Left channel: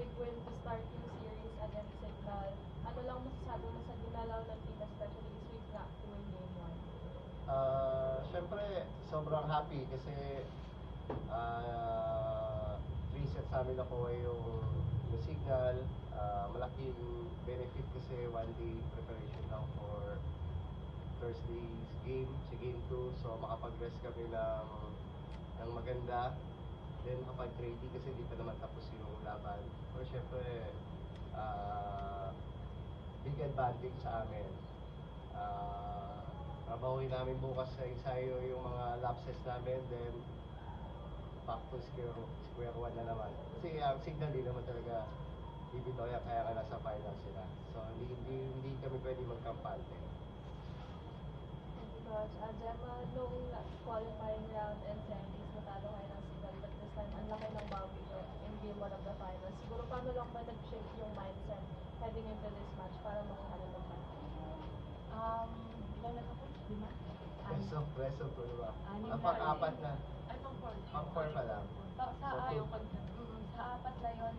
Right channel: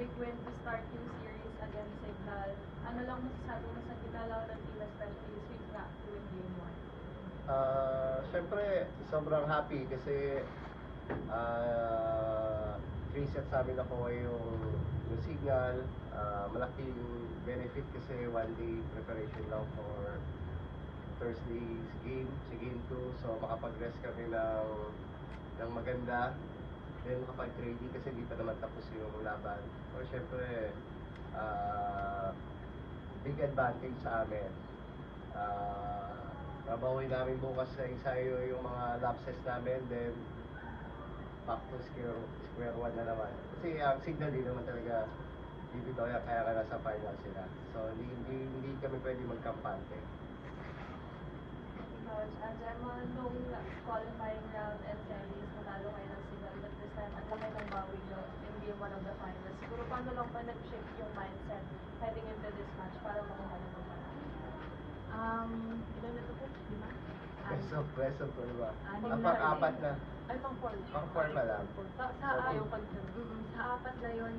big win to start yung series against Signal. Ano lang masasabi mo sa ginalaw ng team, especially sweep na to win game 1? Siyempre, sobrang happy kasi 3 sets namin nakuha yung Signal. Malaking benefit kasi 1 day preparation lang for Thursday's game, sa game 2. So makapag-rest kami ng maganda. Then makapag-trading kasi hindi pa naman tapos yung laban. So syempre, big advantage sa amin. Trabahuin namin bukas sa ensayo yung mga lapses namin, then back to square one na naman. Kasi ang Signal din naman talaga bibitaw yan, kaya ka nasa final sila. So hindi kami pwede magkampante. Gemma, nung qualifying round and series, natalo kayo ng Signal, but this time, ang laki ng bawi nyo in game 1 of the finals. Siguro paano lang pa nag-shift yung mindset heading into this match para makuha na naman? Ilan na ito po? 5? Best of 2, diba? Anim na. Apat na. Ay, pang-4. Pang-4 pa lang. Sa apat na yun,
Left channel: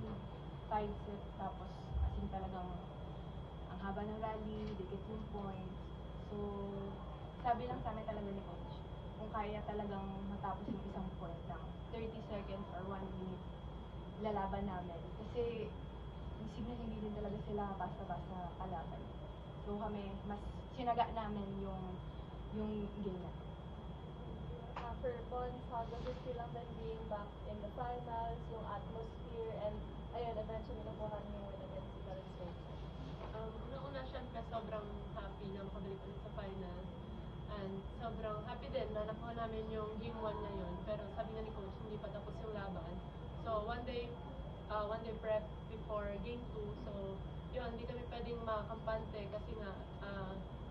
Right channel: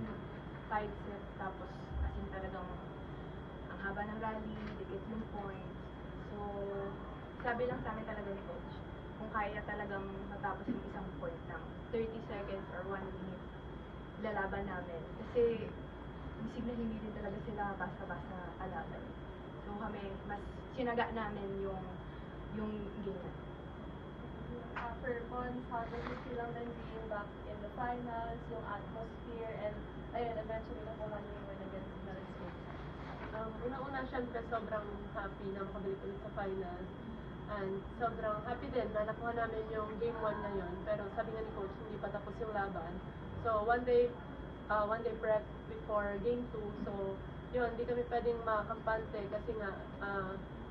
5 sets, tapos as in talagang ang haba ng rally, dikit yung points. So, sabi lang sa amin talaga ni coach, kung kaya talagang matapos yung isang point ng 30 seconds or 1 minute, ilalaban namin. Kasi yung Signal hindi din talaga sila basta-basta kalaban. So kami, mas sinaga namin yung game na. For Von, how does it feel on the game back in the finals, yung atmosphere, and ayun, eventually nakuha niyo yung win against Signal State? Una-una, syempre, sobrang happy na makabalik ulit sa finals. And sobrang happy din na nakuha namin yung game 1 ngayon. Pero sabi nga ni coach, hindi pa tapos yung laban. So, one day prep before game 2. So, yun, hindi kami pwedeng makampante kasi nga,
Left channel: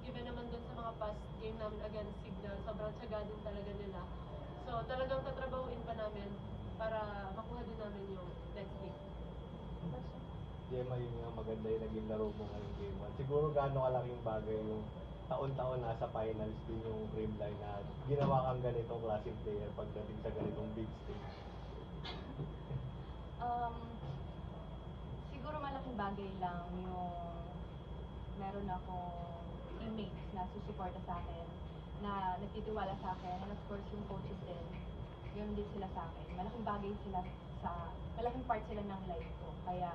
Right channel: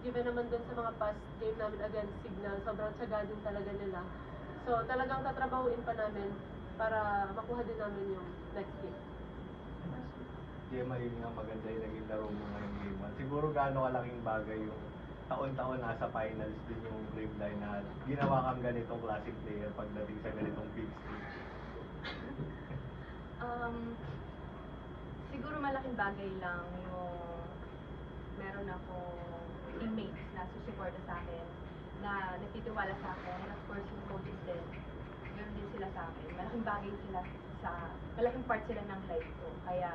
given naman dun sa mga past game namin against Signal, sobrang tiyaga din talaga nila. So, talagang tatrabahuin pa namin para makuha din namin yung next game. Gemma, yun nga maganda yung naging laro mo ngayong game. At siguro gaano kalaking bagay yung taon-taon nasa finals din yung Dreamline na ginawa kang ganitong classic player pagdating sa ganitong big stage. Siguro malaking bagay lang yung meron akong teammates na susuporta sa akin, na nagtitiwala sa akin, and of course yung coaches din, ganoon din sila sa akin. Malaking bagay sila malaking part sila ng life ko. Kaya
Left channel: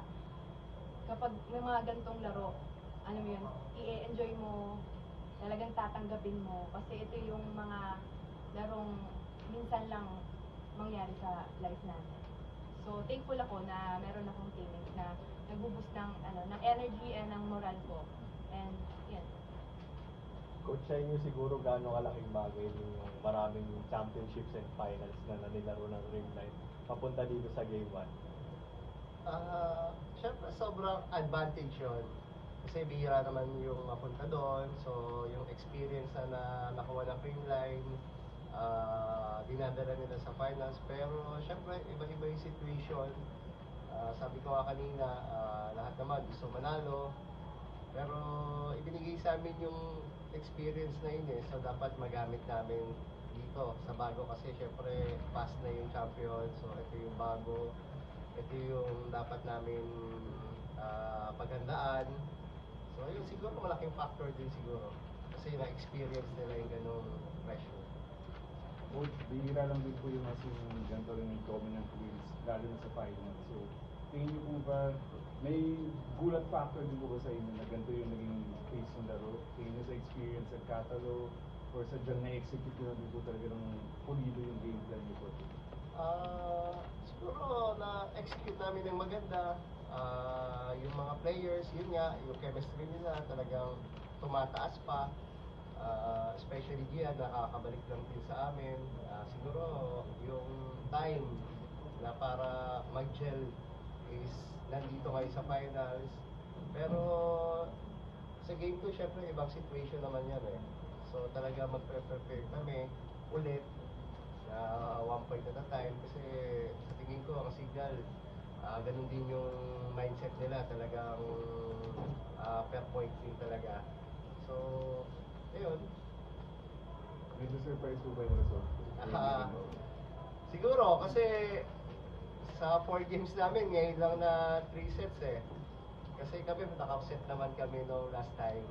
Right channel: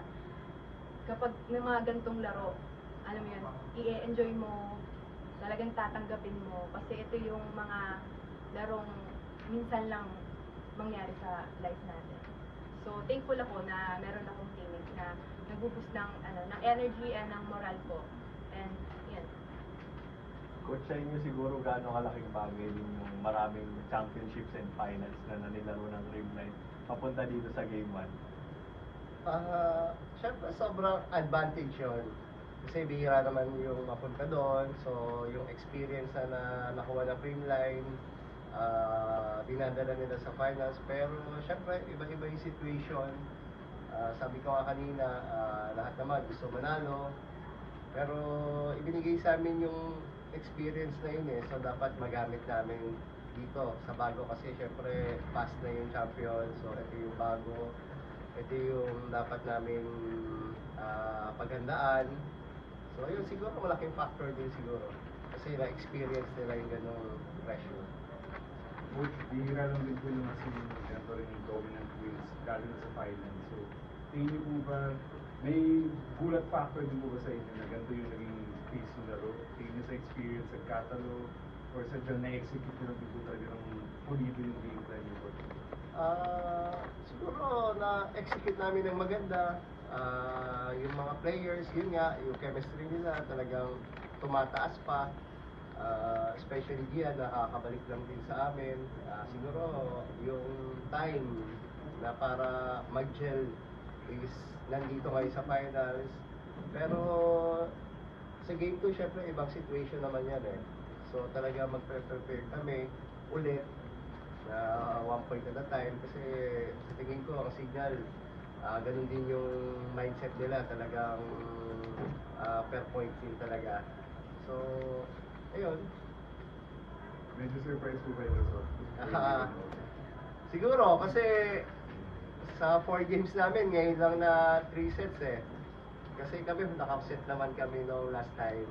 kapag may mga gantong laro, alam mo yun, i-enjoy mo, talagang tatanggapin mo, kasi ito yung mga larong minsan lang mangyari sa life natin. So, thankful ako na meron akong teammates na nag-boost ng energy and ng moral ko. And, yan. Coach, sa inyo siguro gaano kalaking bagay din yung maraming championships and finals na nanilaro ng Dreamline papunta dito sa game 1? Siyempre, sobrang advantage yun. Kasi bihira naman yung mapunta doon. So, yung experience na nakuha ng Dreamline, dinadala nila sa finals. Pero, siyempre, iba-iba yung situation. Sabi ko nga kanina, lahat naman gusto manalo. Pero, ibinigay sa amin yung experience na yun eh. So, dapat magamit namin dito sa bago kasi siyempre past na yung champion. So, ito yung bago. Ito yung dapat namin paghandaan. So, ayun, siguro malaking factor din siguro. Kasi na-experience nila yung ganong pressure. But bihira lang din po yung mas yung ganito rin yung dominant wins galing sa finals. So, tingin niyo po ba, may gulat factor din po ba sa inyo na ganito yung naging case yung laro? Tingin niyo sa experience at catalog or sa dyan na-execute nyo din po talaga ng pulido yung game plan niyo po? Siguro na-execute namin ng maganda. Yung mga players, yun nga, yung chemistry nila talagang tumataas pa. Especially Gian, nakakabalik lang din sa amin. Siguro yung time na para mag-gel is nandito ngayon sa finals. Pero sa game 2, syempre ibang situation naman yan eh. So talaga magpe-prepare kami ulit na 1 point at a time kasi sa tingin ko ang Signal ganun din yung mindset nila, talagang per point din talaga. So ayun, Medyo surprise po kayo sa siguro kasi sa 4 games namin, ngayon lang na 3 sets eh. Kasi kami, naka-set naman kami nung last time.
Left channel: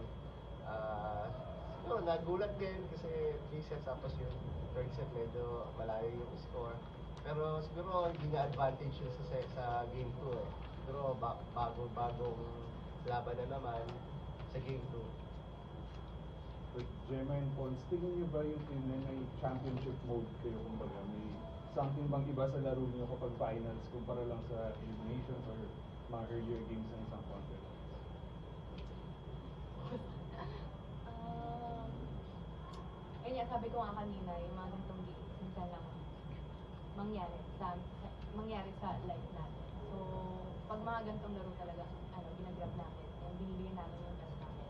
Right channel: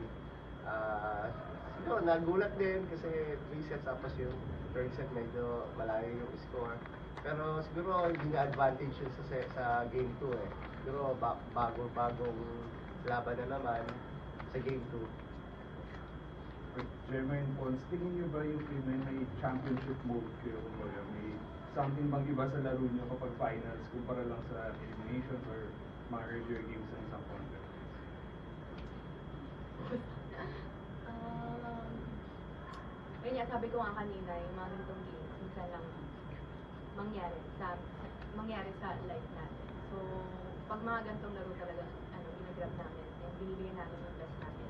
Siguro, nagulat din kasi 3 sets tapos yung third set medyo malayo yung score. Pero siguro hindi na advantage yun sa game 2 eh. Siguro bagong laban na naman sa game 2. Gemma and Pons, tingin niyo ba yung team na may championship mode kayo? Kumbaga, may something bang iba sa laro niyo kapag finals kumpara lang sa eliminations or mga earlier games sa isang contest? Kaya sabi ko nga kanina, yung mga ganitong games, minsan lang mangyari sa life natin. So, pag mga ganitong laro talaga, ginagrab namin and binibigyan namin yung best namin.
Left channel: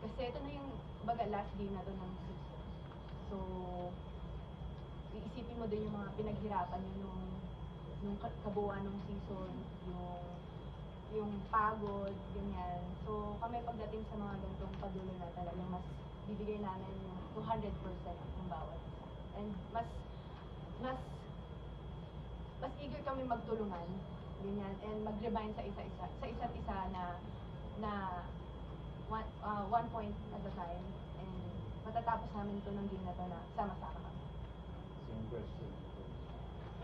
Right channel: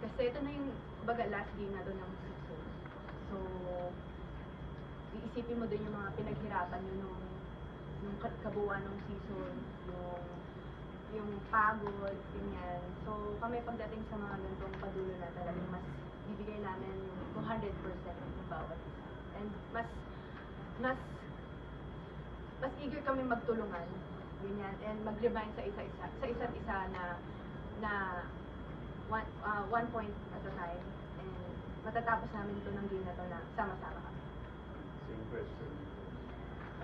Kasi ito na yung, last game na to ng season. So, iisipin mo din yung mga pinaghirapan nyo nung kabuuan ng season, yung pagod, ganyan. So, kami pagdating sa mga ganitong padulo na talagang mas bibigay namin yung 200% yung bawat isa. And mas eager kami magtulungan, ganyan, and mag-remind sa isa't isa na one point at a time, and matatapos namin to ng game na to na sama-sama kami. Same question.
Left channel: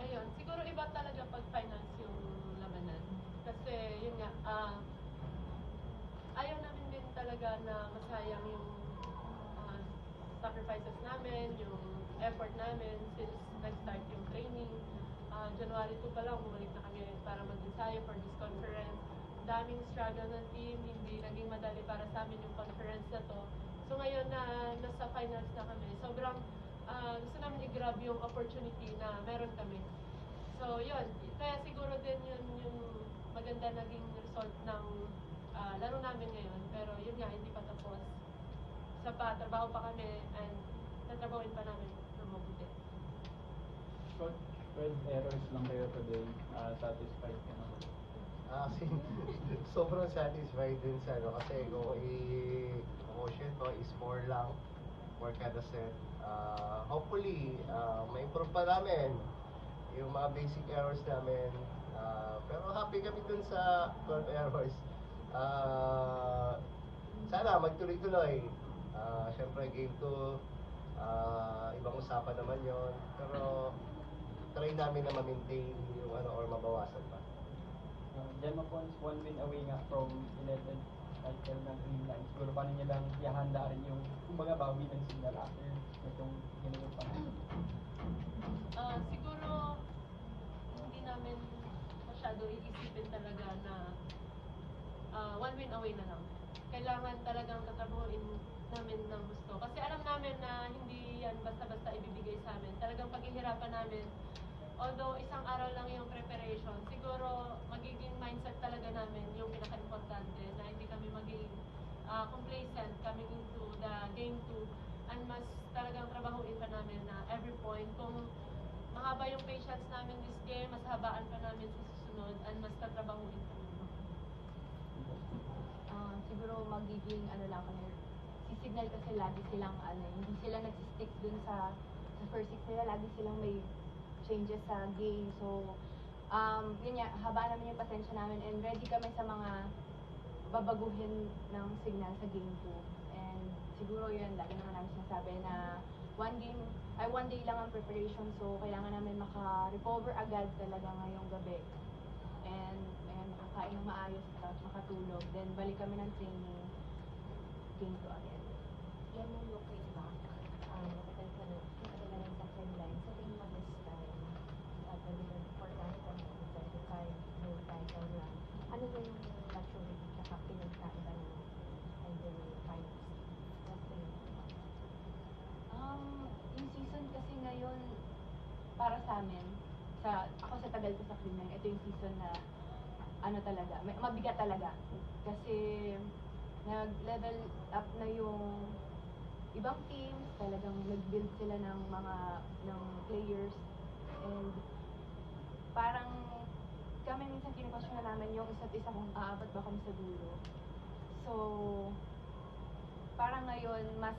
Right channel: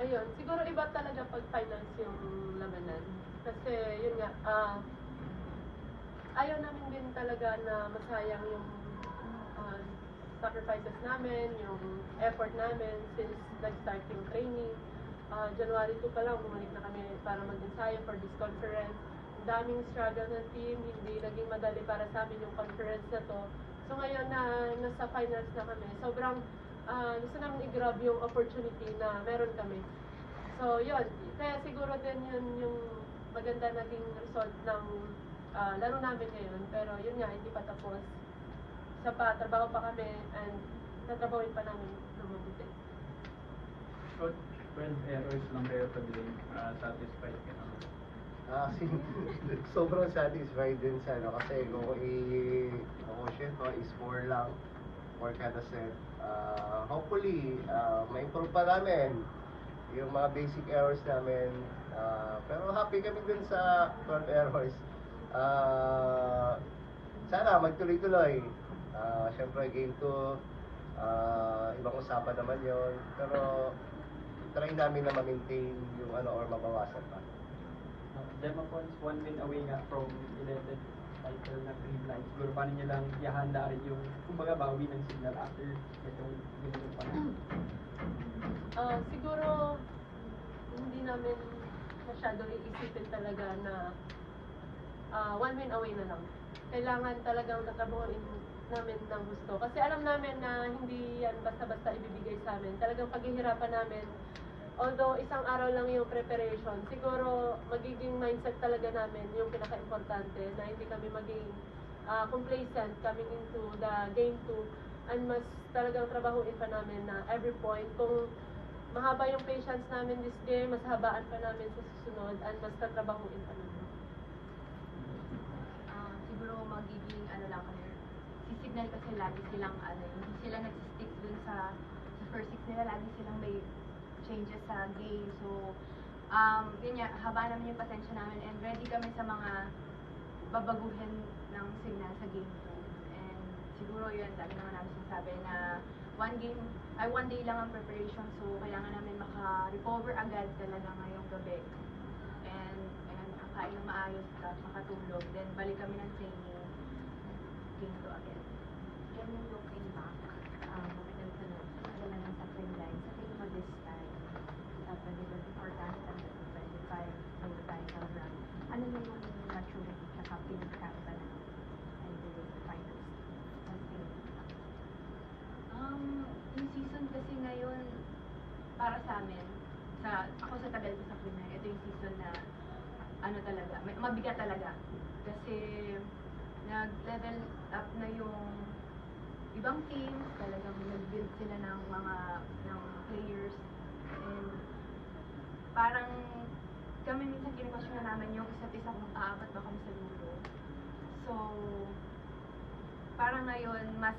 Ayun, siguro iba talaga pag finals yung labanan. Kasi yun nga, ayaw namin din talaga na masayang yung sacrifices namin, yung effort namin since nag-start yung training. January 2 pa lang, bumalik na kami para mag-ensayo for this conference. Daming struggle ng team, hindi naging madali para sa amin yung conference na to. So ngayon na nasa finals na kami, sobrang gusto namin i-grab yung opportunity na meron kami. So yun, kaya siguro din yun yung maganda naging result ng laro namin ngayon. Pero yun nga, hindi pa tapos. Sa trabaho pa kami and tatrabawin pa namin ng mabuti. Coach, 12 errors lang kayo today. Satisfied ka naman? Sobrang satisfied din sa kasi kung i-score lang for kada set. Hopefully, ma-improve pa namin yung mga basic errors namin. Pero happy kami dun sa 12 errors. Sana magtuloy-tuloy. Siyempre, game 2, ibang usapan naman yon. Pero try namin na ma-maintain yung or mabawasan pa. Gemma Pons, 1 win away nga from 11 title na Green Line. Siguro paano nyo lang ihahanda rin yung kumbaga bawi ng signal after itong ginagawa pa? Siguro, hindi namin masyado iisipin talaga na 1 win away na lang. Kailangan talagang tatrabahoin namin ng gusto. Kasi alam namin na hindi yan basta-basta ibibigay sa amin. Talagang paghihirapan namin. Although isang araw lang yung preparation, siguro magiging mindset talaga namin yung pinaka-importante na hindi kami maging complacent coming into the game 2 and mas talagang trabahuin pa namin na every point. Kung mahaba yung patience namin this game, mas habaan pa namin sa susunod and mas tatrabahuin pa namin. Siguro magiging lang kami, signal kasi lagi silang hindi sila nagsistick dun sa first six nila, lagi silang may changes sa game. So, yun nga, haba naman yung pasensya namin and ready kami sa mga babaguhin ng signal sa game 2. And siguro yun, lagi naman namin sinasabi na one day lang ang preparation, so kailangan namin maka-recover agad talaga ngayong gabi. And makakain ng maayos at makatulog. Then balik kami ng training, game 2 again. In looking back, matagal ka na, matagal na sa Green Line. Sa tingin mo this time, 2024 ka na, 2025, may title na. Ano na yung maturity at pinag-camp ka na and the finals? Yung season kasi ngayon, para sa amin, ako sa tagal ko sa Green Line, ito yung season na talaga, mabigat talaga. Kasi nag-level up na yung ibang teams, talagang nag-build sila ng players, and parang kami minsan kine-question na namin yung isa't isa kung aabot ba kami sa dulo. So, parang ngayon mas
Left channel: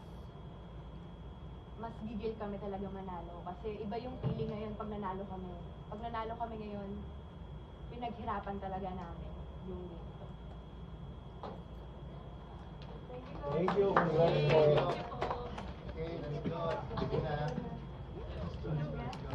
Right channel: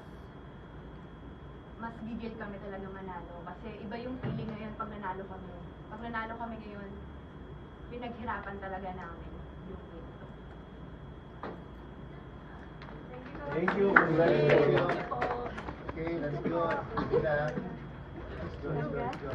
gigil kami talaga manalo kasi iba yung feeling ngayon pag nanalo kami. Pag nanalo kami ngayon, pinaghirapan talaga namin yung game to. Thank you. Thank you. po. Okay, let's go. Let's go. Let's go.